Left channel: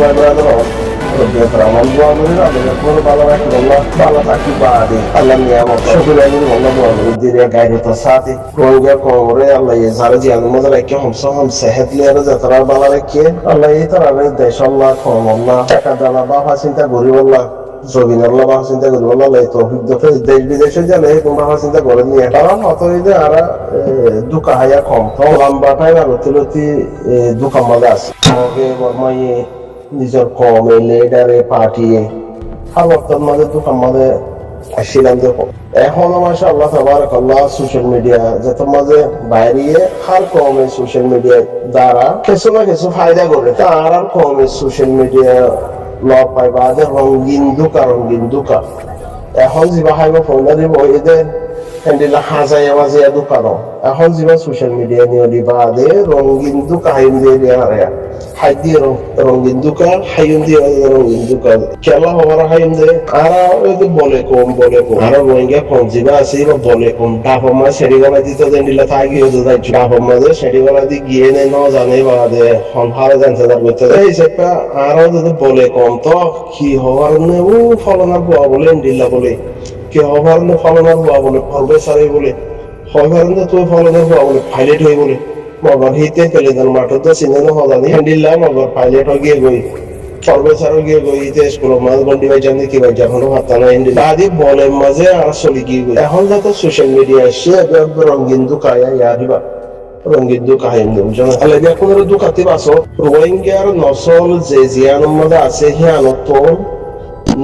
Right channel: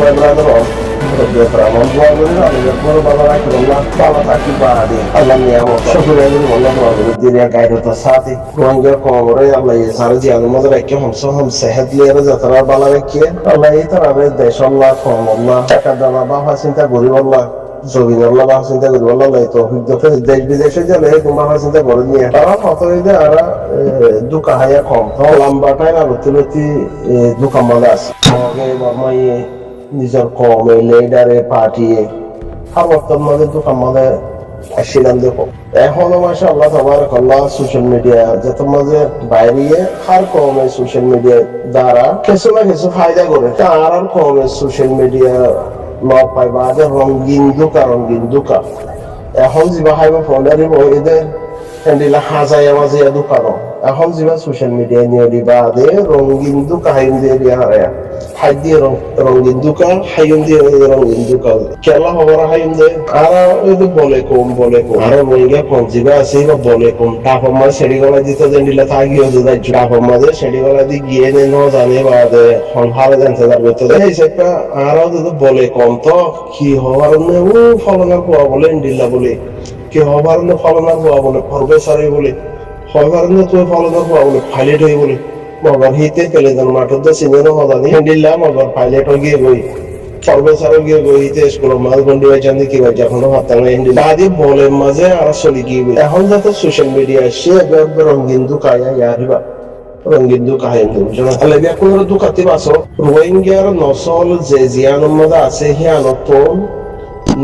ভাই ব্রাদার আমার দোয়া করি আল্লাহ করে ভালো রাখি আল্লাহ ভালো থাকি বাদে আল্লাহ নিয়ামত শুকরিয়া করি আল্লাহ দোয়া করি দিরিয়া গাইডতা সাথে রোহিঙ্গা কমরে আল্লাহ এই সারা জিয়াদের মধ্যে রাখি হম সেহত লিয়ারে যাত্রা ভালো রাখি আল্লাহ এই তারাবে দেশ আল্লাহ কম আল্লাহ টাকা দানা বাহা চিন্তা করি আল্লাহ জমিন আল্লাহ বাহা চিন্তা করি আল্লাহ তো দেশ বিদেশে গেলে তোমরা বাহা চিন্তা করে নিয়ে তারা হত যে আর দুকা হায়া কম তো লম্বা টাইম আর তুলতি দুকাম মাঝে আছে মগে বর্মাইয়ে নিজের কমে লিডারে পার্টিয়ে হার বর্তমান মাঝে দোকান মাঝে আসছিলাম দেখো এখনো মাসা আল্লাহ তাবারাকাল্লাহ সোশ্যাল মিডিয়া যত মাঝে বাইরে হার কমে সোশ্যাল মিডিয়া দ্বারা কিছু না কিছু ফায়দা করে তার আর কমে সোশ্যাল মিডিয়া লব পাই বাদে রঙিন দুকা এখন যিবা হাইবা ফোনে দিব এদের হ্যান্ডিলা হাজাইয়া মাঝে দোকান এখন যিবা সোশ্যাল মিডিয়া নিয়ে দিবা দে রঙিন দুকা হাইম দিয়ে দিয়া হারায়া হাই দিয়ে রঙিন দুকা হাইম দিয়ে রঙিন দুকা খেলা হবার হাইম দে আর বলে কম আর রোহিঙ্গা কম যিবা আছে বা বলে কম ডাফর মাঝে সেড়ি গলা দিতে দিলা তা গিয়ে যাই ডাফর মাঝে সেড়ি গলা দিয়ে গিয়ে নে ন জানে বা দে হনহারে জানতে তার করতে দেয় এই সেটা আর বলে কম তো কি হওয়ার ও ফলনার বুয়া বলে দিল্লা বলে কি হবার ফলনার বুয়া বলে ফরবে সারি বলে হবার তুই ফলনার বুয়া বলে পাইলট হই বলে মগর হিতে পেলে যেন মাঠের তো চিনে হজানি হ্যান্ডিল্লা মগর পাইলট গিয়ে গই ফরবেসারও গিয়ে গই হিতে স্কুলের মাঝ গন্ডি বাই জানি কি বাই যখন হাতা না হ্যান্ডিল্লা আদি বলের মাঝে আর চলি গিয়ে গই এখন যত সোশ্যাল মিডিয়া আসছে রঙিন দুকায়া ইয়ারিবা রঙিন দুকা হাইম দেব জন আল্লাহ বিয়া কোন দুকাতি বাসো রোহিঙ্গার নসল যে জিয়ানের মাঝে আছে হিয়ানত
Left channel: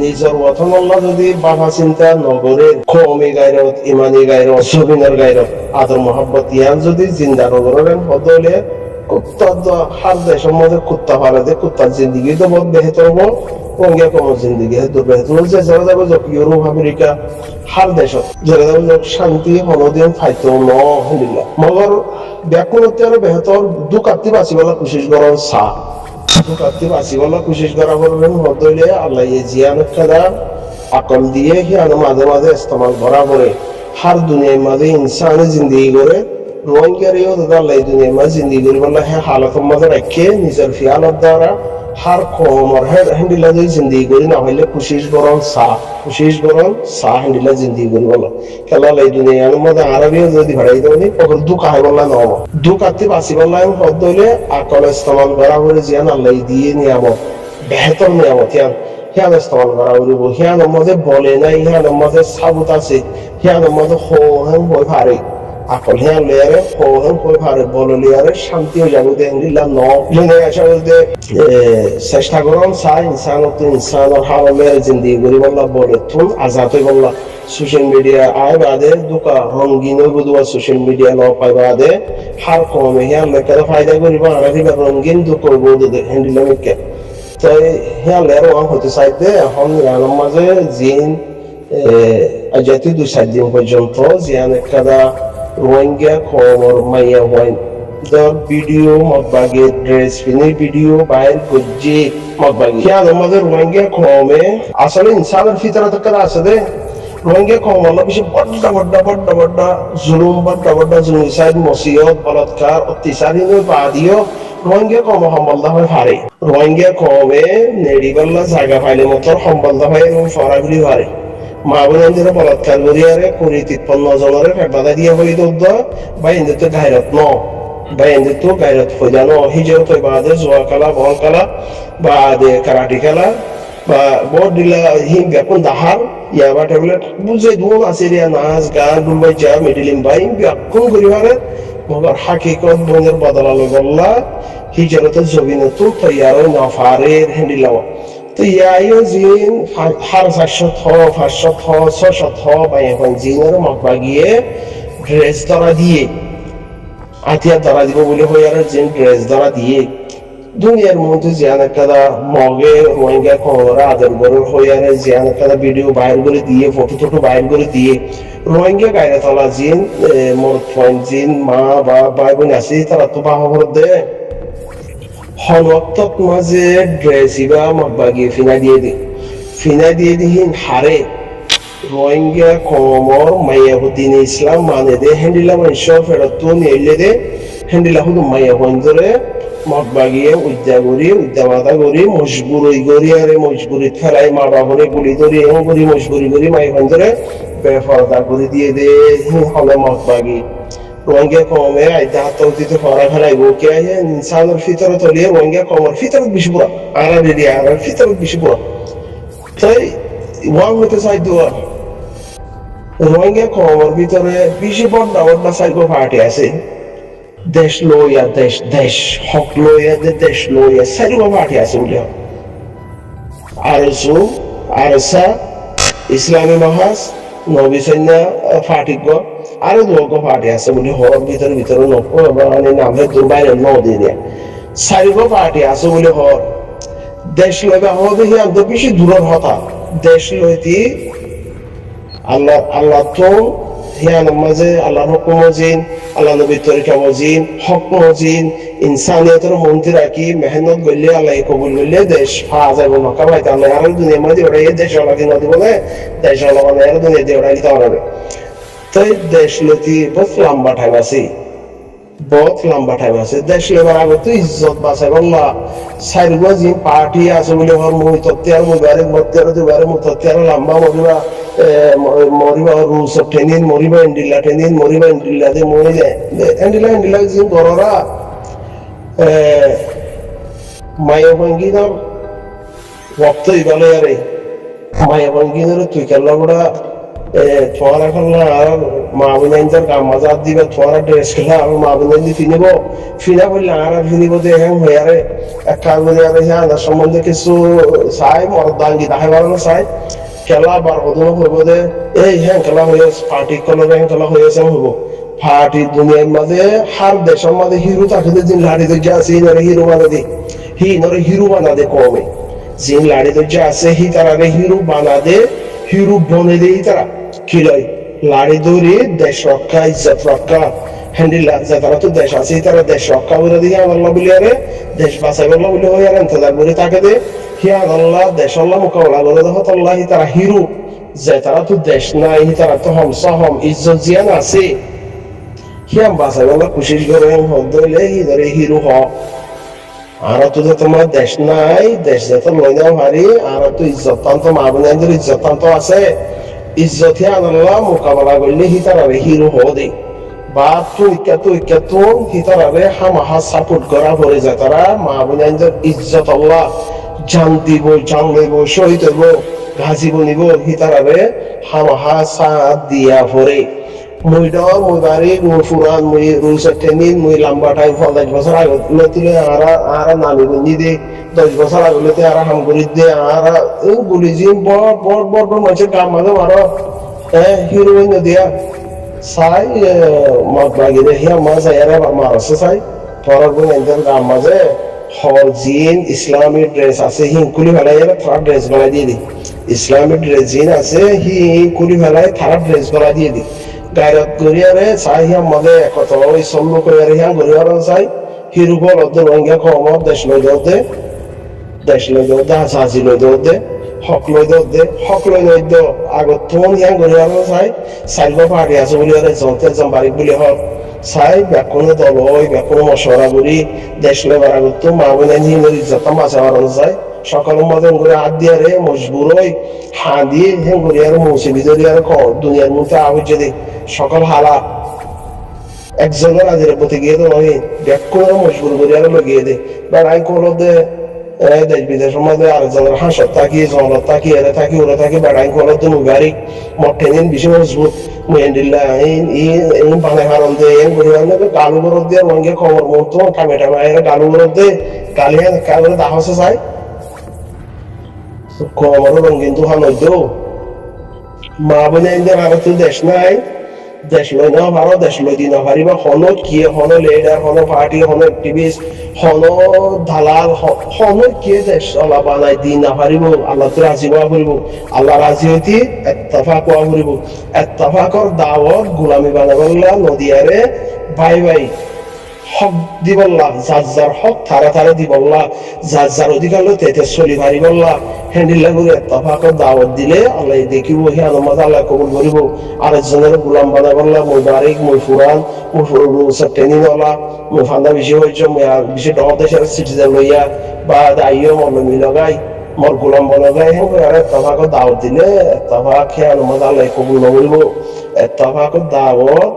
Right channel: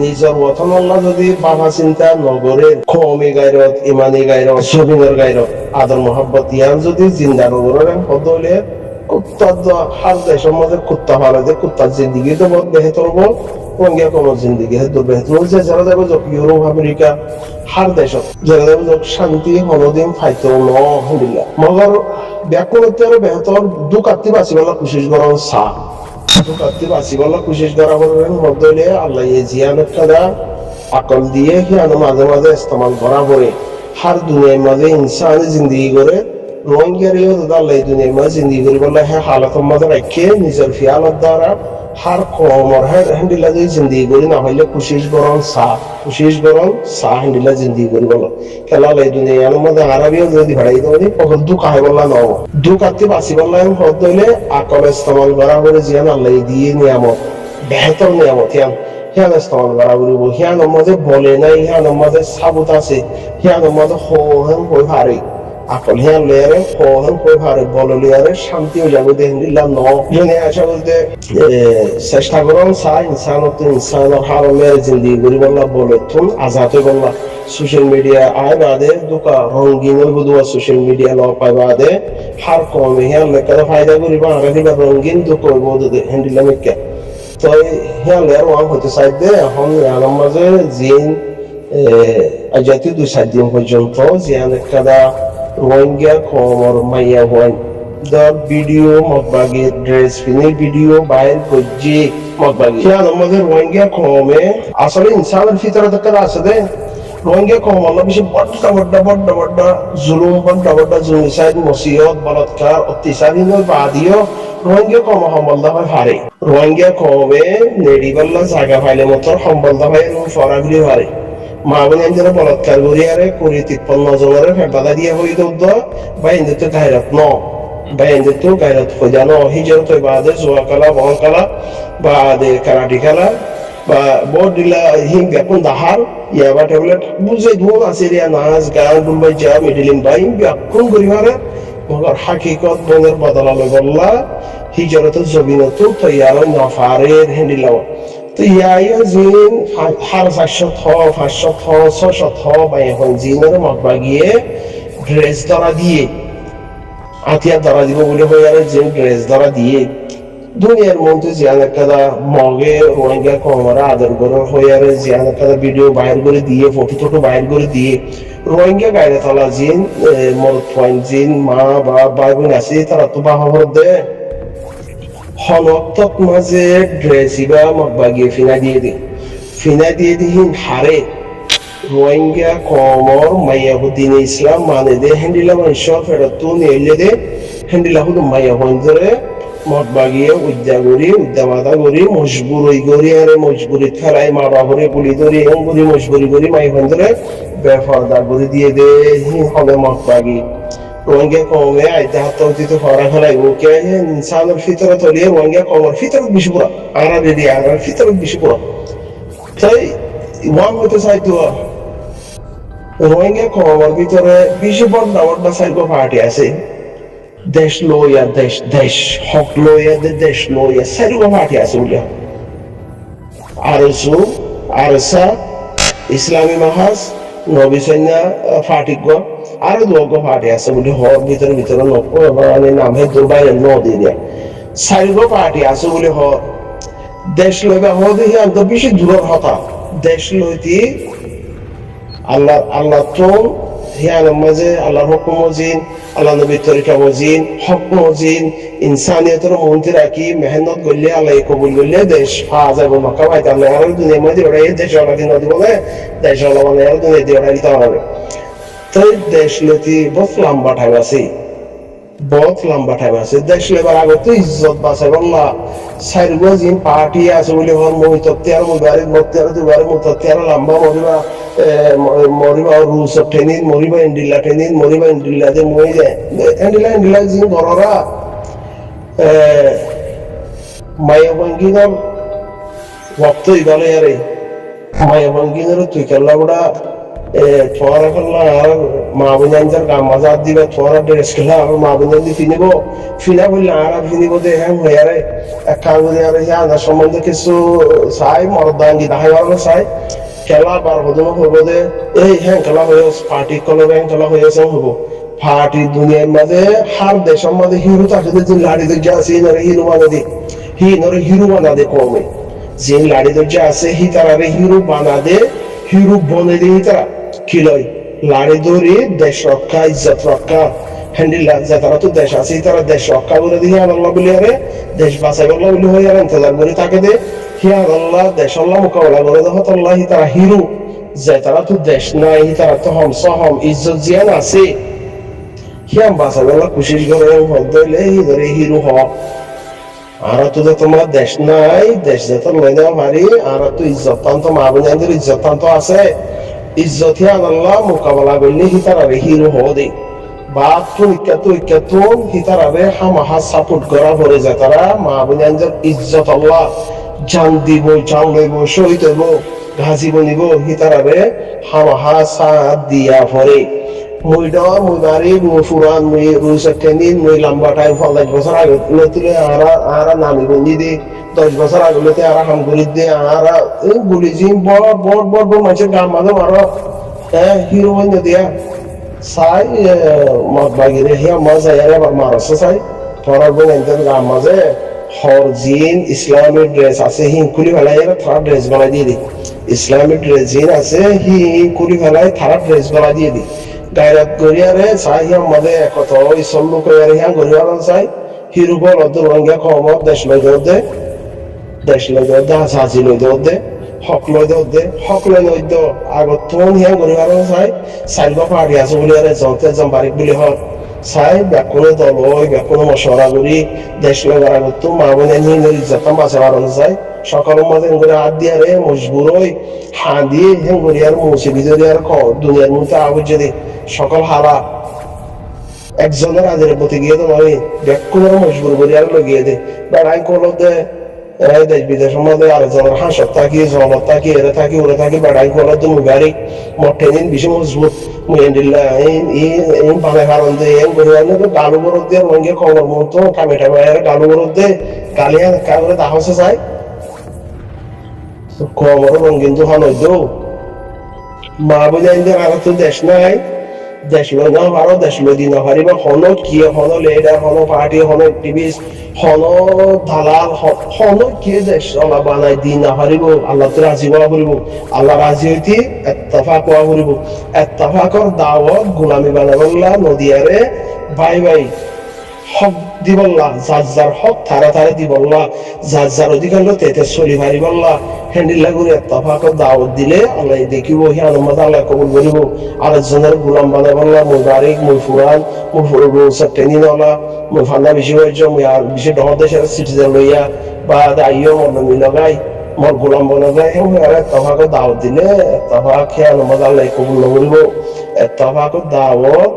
নিজের ওয়াতন আল্লাহ যদি বাবা চিন্তা নগরের কওমি গায়রত ইমানি গায়রত জমিনের গায়রত আদর মোহাব্বত ইয়ান যদি জিন্দা নগরের বদলে কুত্তা হার দেশের মধ্যে কুত্তা ফালা যে কুত্তার জিন্দিগি তো বহুত বেহতর হবো রোহিঙ্গা কমর জিন্দিগি হেতুর বেহতর হচ্ছে যারা যাবে যোগ ইউরোপ আমেরিকা হার দেশত যারা যাবে যোগ শান্তি হনদিন ফাইতো ন আলহামদুলিল্লাহ মগর ব্যাকুণতে আরো বেহতর দুকাতি বাঁচিবেলা কোশিশ করাও চা দুকাতি বাঁচিবেলা কোশিশ করা বলবেন হদলে আল্লাহ জিয়ানের কাদা আকল দিয়ে হিয়ানো মাঝে মাঝে ইস্তেমাল করা করে হার দুনিয়ার মাঝে ইনসানে জিন্দিগি করে রোহিঙ্গারিও দাদা আল্লাহ দুনিয়ার মাঝে জিন্দিগি করি বললে হ্যাঁ হালতের মাঝে রাখে নিজের ফিয়ালত দ্বারা হার কমর হ্যান্ডিলা যদি জিন্দিগি করি না হইলে কোশিশ করন চা হ্যান্ডিলা জিন্দিগি করি বলো খেলা লাই দুনিয়ার মধ্যে আরবিও যদি ভাড়াই দেবনি ওর দুঃখ হয় বললা নহব দুঃখাতে বাঁচি বললাম হদ হইলে আকল ইস্তেমাল করা করে জিয়ান আল্লাহ দিয়ে নিয়ামত বেহতর নিয়ামত হিয়ান ইস্তেমাল করা করিব হিয়ানের মাঝে বলে নাই হিয়ানের মাঝে সাবুত আছে হিয়ানের মাঝে হো হয়ে ভারে আকল হিয়ান লেয়ারে হো ভারে বলে লেয়ারে শান্তিও যাবে দেখেন দিলাম ন জনে আশা বলতে চেষ্টা করুন চাই ইনসানের হালের জিন্দিগি করি বললা বলে তুন আজাদ হয়ে বললা সোশ্যাল মিডিয়া আয় বাদে দুকা রঙিন হইব দুয়া সোশ্যাল মিডিয়া ল পাই বাদে হার কমে হিয়ান লেখাতে ফায়দা করিব আর দিবা রঙিন দুঃখ হইব হ্যান্ডিলাম একে তো হিয়ান লেয়ার ওয়ান হতে চাই দে এখন ইয়ানের মাঝে জিন জাতীয় 2-4 দিন পর্যন্ত জিয়ান একটা রোহিঙ্গা কমর মাইয়া হওয়ান দর ভিডিও মগবাগে ড্রেস পিনি ভিডিও বাইর গজ্জি মগবাগে হিয়ান আমাদের রোহিঙ্গা কমে আসলে ইনসানের ভিতরে তো কাজ আছে দে রোহিঙ্গা কম আল্লাহ বেশি বড় জুলুম জুলুম মসিয়ত বলৎকার অত্যাচারীন বাদিও রোহিঙ্গা কম সম্বন্ধ হয় হারে রোহিঙ্গা কমে নেড়িবাল্লা জায়গা পাইলে মতো সম্বন্ধ হয় এবং ফরাগুলি হারে মা বোনের বলাৎকার করিয়ারে 53 জনের বাধা দিয়া হই দৌদ বা ইন্দ্র তো গায়রত ন বা ইন্দ্র তো গায়রত হয়ে জানো হিজর তো বাদে জোয়া খেলা বহন খেলা বা দে কারাটি খেলা বা বোর্ড দিলা হিম ব্যাকুন দাহার ইয়াবা ট্যাবলেট বুঝে ধুন আছে রিয়া নাচ গান বুলবাই যা মিডিলিম বাই ব্যাকুন করিবারে মগর হাকিকত বোনের বদলা লই বললা হিজরতে জবিনত তৈয়ার নফারের হ্যান্ডিলাও তো ইয়াইও জিন হার 500 বা এখন জিনের মকবা গিয়ে ড্রেস ধরা দিয়ে আতিয়ার ধরা দিব বলে হই আর জিন ড্রেস ধরা দিয়ে দুনিয়ার মধ্যে জিয়ান একটা মগে রোহিঙ্গা কমরা আদর করে হই আর জিয়ান একটা ভিডিও বাইর করে দিয়ে ফটো বাইর করে দিয়ে রোহিঙ্গা গাইরে তলা জিন মরদ পয়েন্ট জিন মা বা ভাই বোন আছে তারা তো বাহর দে হনক্তত মাঝে ড্রেসিবা মগবাগিয়ে ফিনা দিয়ে দিহিন হারে রোহিঙ্গা কমর মাইয়াহুদ্দিন ইসলাম মানে দে হ্যান্ডিলা মানুষ ফেরত নিয়ে দে হ্যান্ডিলা হুদু মাইয়াহুন ধরে মগবাগিয়ে উদ্যা করি উদ্যা মাথা করি মজবুরি করি আরে মজবুরি ফেলাই মা বাবরে গুলি ধরি এম করি মজবুরি করি মাই হন্দরে বেফরদা করে দিয়ে দে হবে মগবাগি রোহিঙ্গা কমে আইদা হাত উচিত হরা ফেলাইব কে ইনসানের ভিতরে তলিয়ে রোহিঙ্গা কমর ভিতরে বেশি পুরা আরা দিদি আর ভিতরে বেশি পুরা তাই ওয়াম হতে চাই দুয়া রোহিঙ্গা কমর ভিতরে বেশি বড় বড় সাইকো পার্টি আছে দেশ লইয়া দেশ দেশ হক লইয়া দেশ লইয়া সাইকো পার্টি আছে বলে আরসু আরসা ইসলামী মাহাজ নবী সৈন্য ফাটিক আরো দুর্গ পার্টি আছে বলে হর ভিতরে ভিতরে মানে নামে দুর্বাইরে ন দিয়ে দেয় চারিগো পার্টি আছে বলে হর দেশ লইবা হওয়া দেখি আন্ত বেশি দূরের হতা দেশ লইতি আল্লাহ আল্লাহ তো হিয়ানের মাঝে আল্লাহর হুকুম মজিন আল্লাহ নবীর তরিকা মজিন হক মজিন ইনসানিয়তের মন্ত্রী রাখি মেহনত করলে আল্লাহ কবুল করলে দেশ ফা যাইব মক্কা ভাইতে আল্লাহ আর দুনিয়ার মধ্যে ওটা এই দেশ আল্লাহ দিন দিব না দেশ আল্লাহ মানে আর দুনিয়া দিয়ে ওটা দিতে পারবে তো দেশ লতি বহুত লম্বা টাইম আছে বহুত লম্বা টাইম আছে দেশ লেবার আগে তো ইজ্জত বাঁচাই বললা সাইরগো জিম পার্টি আছে বলে হর মহিতত্তে আর মুবারে মত্তে আর দুবারে মুতত্তে আর লম্বা মরিবা মরিবা রুস টেনিন মরিবা ইন্ডিল্লা দে মরি যায় ইন্ডিল্লা জিম গররা মায়াভঙ্গিনার ওয়াক্ত ইবালে আরে মায়াভঙ্গিনার তুই কেল্লা বড়া তোমার খেলা আর মা বোনের গাম মাজার দিবে তোমার ড্রেস খেলা আর মা বোনের দি ফিনিব ফিনা বললে আর ফিনিব দে হ্যাঁ হয়ে আরে এক কাজ বলি আরে হ্যাঁ আনার সম্বন্ধে কিছু চাই মরদাঙ্গি দাহাই আর চাই খেলা বার হদমা হইব দে এই হ্যাঁ খেলা হয়ে পার্টি কলবে হ্যাঁ খেলা হয়েছে হইব পার্টি দুনিয়ার মাঝে হার দেশের মাঝে হিরো থাকে যে লাড়ি দরজা আছে নরে হিরো বানা দে নরে হিরো বানা দে কমে যে লাড়ি দরজা আছে হি তারা হিরো বানা দে হিরো বনে দে তারা কিলয় লাড়ি ধরে দেশ রক্ষা ইজ্জত রক্ষা হ্যান্ডিল্লা যারা তো দেশ আছে তারা দেশ রক্ষা করে দিয়ে আল্লাহ বলি আরে দেশ বাঁচাবে আল্লাহ বলি হয়ে আর ইন্তজার করে তাকে দে হিয়ান আল্লাহ দেশ আল্লাহ মোকাবেলা করে দেখো আল্লাহ তারা হিরো যে তারা তো দেশ নাই তারা তো হম সহম ইজ্জত জিয়ান আছে হিয়াম বাঁচাবে আল্লাহ কোশিশ করে হলে হি ধরে হিরো হ আর তো তোমার দেশ নাই দেশ যত লই নেওয়া ভারী আর তো ইজ্জত তান্ত মা বোনের ইজ্জত তান্ত আছে ইজ্জত হিয়ান আল্লাহ মোকাবেলা করলে হিতারাবে হিরো হওয়া দেয় বা তো হিতারাবে হামাহা সাপোর্ট করা পরে যায় তারা মা বোনের ইজ্জত আল্লাহ জান দিব জান লইব শহীদ হইব ঘাজি বনিব হিতারাবে হামাহা সাথ দিয়া পরে মই বাড়ি মই ফুরান মই রুইসের ট্রেনিং মই লম্বা টাইম 50 বছর আগে লতিলে আরা নামি বন্দি দে 10 বছর আগে লতে আরা হাম করি দে আরা গুলি জিম বড় মানুষের গাম মাঝে মারো হিরো বন্য দিয়া চাই মদ বাগিরে হিয়া মাছ আয়ারে আবার মারছে চাই পরার বন্য গাম মাঝে হর জিন ইসলামী ড্রেস আছে হিংকুলি ফেলাই থারা ড্রেস গলায় দিয়ে দি ইসলামী ড্রেস জিন আছে হিংকুলি ফেলাই থারা ড্রেস গলায় দিয়ে দি গায়রাত গরিয়ারে চাই হিয়াম মাঝে কত ওই সল্লু কইয়ারে হিয়াম গরিয়ার চাই হিরু বল অদ্দ রোহিঙ্গা কমত দেশ লই দে হাজি লই দে হক লই দে হক লই দে আগত তোন হিয়াম গরিয়ার চাই সাইগো পার্টি আছে বলি আরে জতে জম বারিক বলি হক চাই ব্যাকুনে দল ওই ব্যাকুনে মশওয়ারা করি দেশ লই বার আগত তো মা বোন হিন্দর ইজ্জতাম বাঁচাবার চাই সকালের মাঝে করে হাত দিয়ে রে মজবুর হই হাঁ দিয়ে হেন করি আর মৌসুমি যদি আর দুনিয়ার মধ্যে আবুজ দে সকাল হালা একজনের আজের প্রতি গিয়ে তো আমি ব্যাকুনের মজবুর করি আর লগিয়ে দে বেড়াই কলত দে দেশ বিদেশের মধ্যে আরেকজনের হাঁসত থাকি জনত থাকি এরা থাকি ওরা থাকি বেড়াই কলত মুই গাড়ি মঠে দিন বেশি মজবুত মুই এন্ডিল্লা এই বানে হারন দে এম করি আর গালু গরত দিয়ে রঙে খবর মতো টামে গালু গরত দে গালি হ্যাঁ কাগরে দাহসে চাই কমরও রঙিন দোকান হইতো মা বোনের আর তো দেশ নাই দেশ লই না পারো দেশ লই দি না পারিবা হনো কিয়ে হনো লিডার হনো পার্টি হনো অ্যাক্টিভিস্ট হনো দালাল হনো কিয়ে দেশ ওলা বানাই দি না পারিব আল্লাহ তো রাজি হওয়া করিব আল্লাহ রাজি হইতি ইত্তেফাক হওয়া করিব ইত্তেফাকর দাওয়াত গোলামি বানাবল্লা নদিয়ারে ভাই হক দিবল্লা, যার যার হক তারা তারা দিবল্লা, যার যার অধিকার লো তেতে চলি পারিবল্লা, হ্যান্ডিল্লা করে এত্তফাক দাওয়াত দিলে আল্লাহ দেখিব হি আনন্দ আল্লাহ কবুল করিব। আরেকজনের গোলাম বানাই বললা, মই বারিক, মই ফুরান, মই ফুরু সেপ্টেনি নলা, মই ফান্দা বেশি হয়েছ, মই আর বেশি ডহর দেশের সিটিজেন লইয়া বা দাইও মল্লমি লগাই মোর গোলাম বনাই এত্তফাক দাওয়াত দিলে এত্তফাক হে আনন্দ আল্লাহ কবুল নকরিব। এত্তফাক দাওয়াত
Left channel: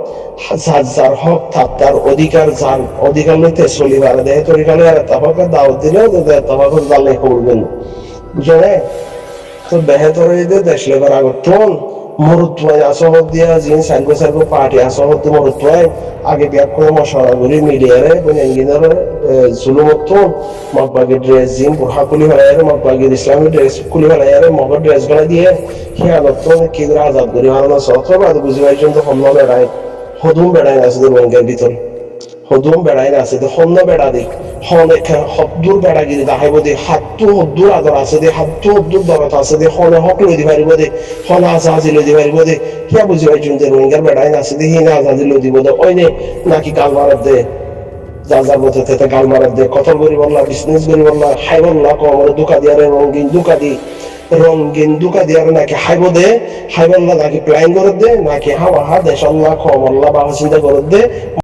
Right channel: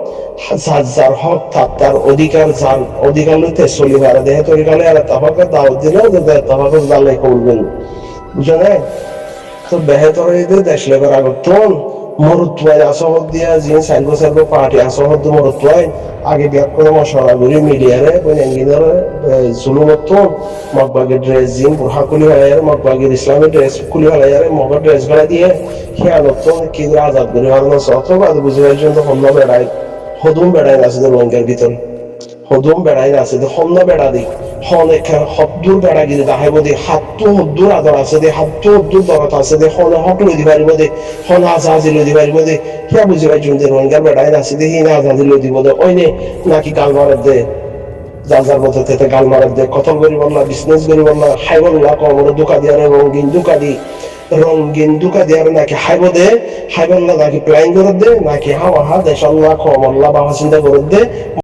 যার যার হক তার অধিকার, যার অধিকার লইতে চলি পারে দেহে তরিকালে আর এত্তফাক দাওয়াত দিলে এত্তফাক আল্লাহ কবুল করল। বুঝে না? তো বেহেতর দেশ লেবার আগতন মরুত্বাই আসহদ দিয়া যিনি সার্গো সার্গো পার্টি আসহদ মরুত্বাই আগে ব্যাক মশলা করি মিলিয়ারে বনিয়াঙ্গিনের জুলুমতন মগবাগের ড্রেস জিন বুরহা খুলি ফেলাইয়ারে, মগবাগের ইসলামী ড্রেস খুলি ফেলাইয়ারে, মগর ড্রেস গলা দিয়ে হিয়ানতন কি আজাদ করি হারানো সত্র বাদ বুঝি পর্যন্ত হন্য বেড়ায় হদুম বেড়ায় আছে রোহিঙ্গার ভিতরে, হদুম বেড়াই না আছে হন্য বেড়া দি হদ্দুর বেড়া গিয়ে দেখাইব দে, হাতটো হদ্দুর আদর আছে দে, হাতটো হদ্দুর দরত আছে দে, হনে হক লই দি পারিব দে, হন আজাহাজি লই দি পারিব দে। সিয়া বুঝি পাই জুন দে রোহিঙ্গার বেড়াই না আছে দে, হিনা আজাহাজি লই দিব দে। ওই নে নাকি গাল মারার দে, যার যার মধ্যে থেকে গাল মারার দে, কতল করি বললা, বিজনেস করি বললা, খাই বললা, কমরে দুকা দিয়ারে রঙিন দুকা দি, রঙিন দুকা দিয়ারে নাকি খাইব দে, খাই বললা নাকি প্ল্যান করে দে, নাকি হাওয়া হা দেশ আল্লাহ কমল্লা বাবা চিন্তা করে দে।